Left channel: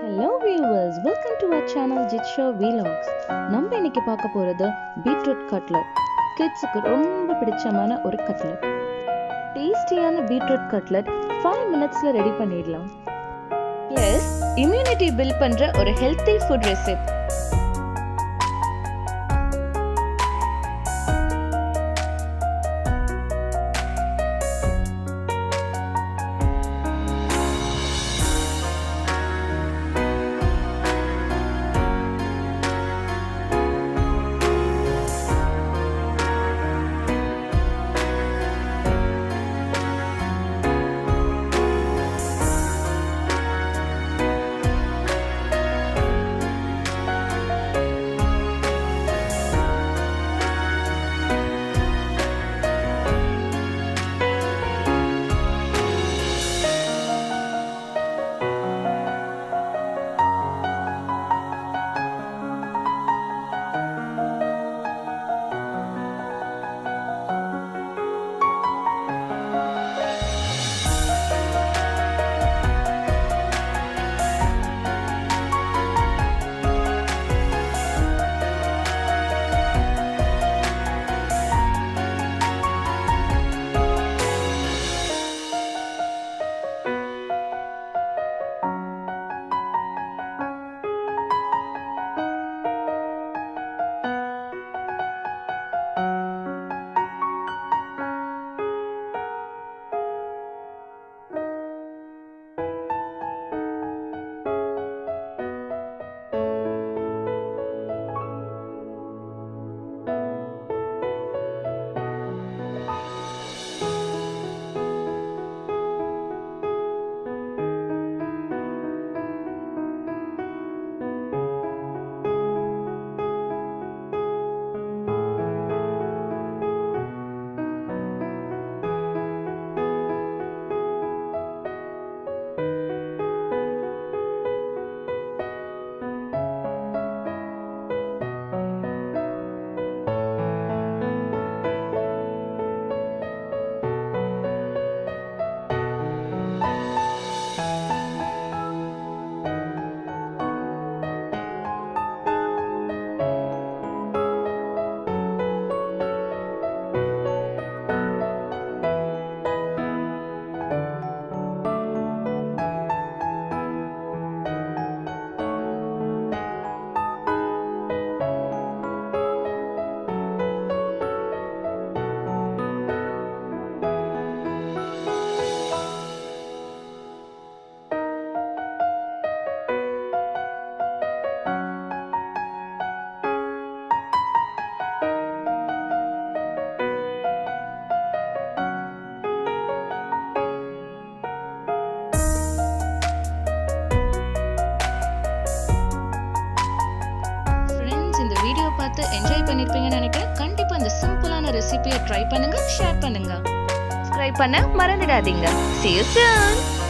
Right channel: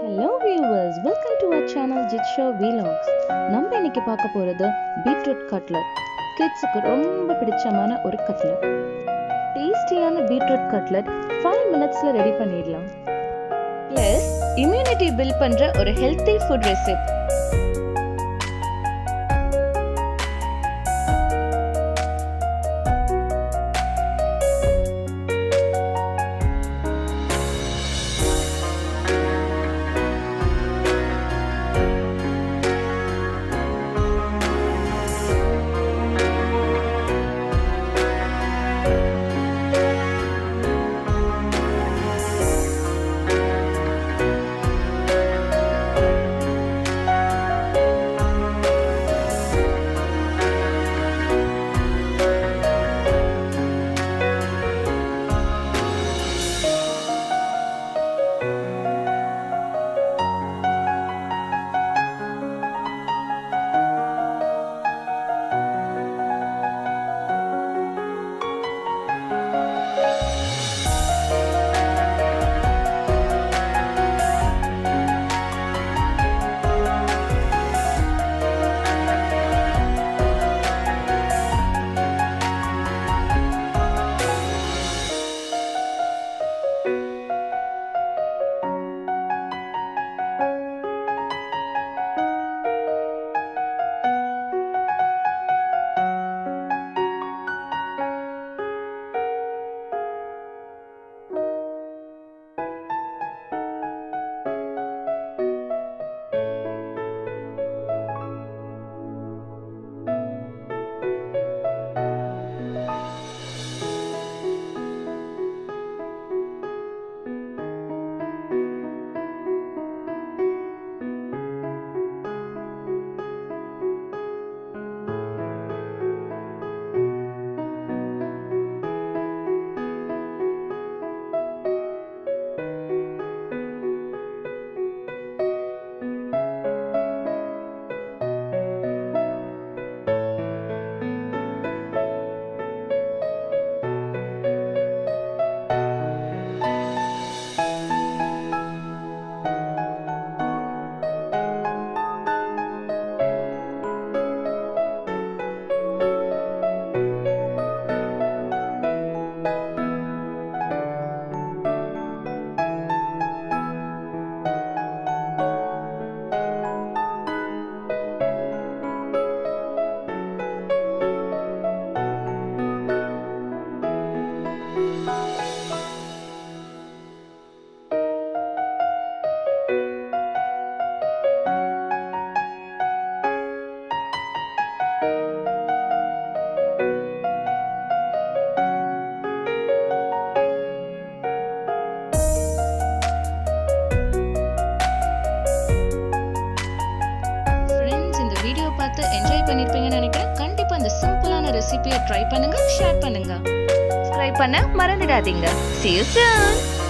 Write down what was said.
Hello viewers, welcome to our channel Jitshow Vlogs. நம்ம இன்னைக்கு பார்க்க போறது beetroot cutlet. கிட்ஸ்க்கு ரொம்ப பிடிச்சமான ஒரு cutlet. டேஸ்டியான beetroot cutlet 5 minutesல ரெடி பண்ணிடலாம். Plus immunity build பண்ற ஒரு healthy food recipe. இந்த வீடியோ பார்த்து என்ஜாய் பண்ணிருப்பீங்கன்னு நினைக்கிறேன். கண்டிப்பா இந்த சிம்பிளான ரெசிபியை ட்ரை பண்ணுங்க, ஷேர் பண்ணுங்க, சப்ஸ்கிரைப் பண்ண மறந்துடாதீங்க. See you soon.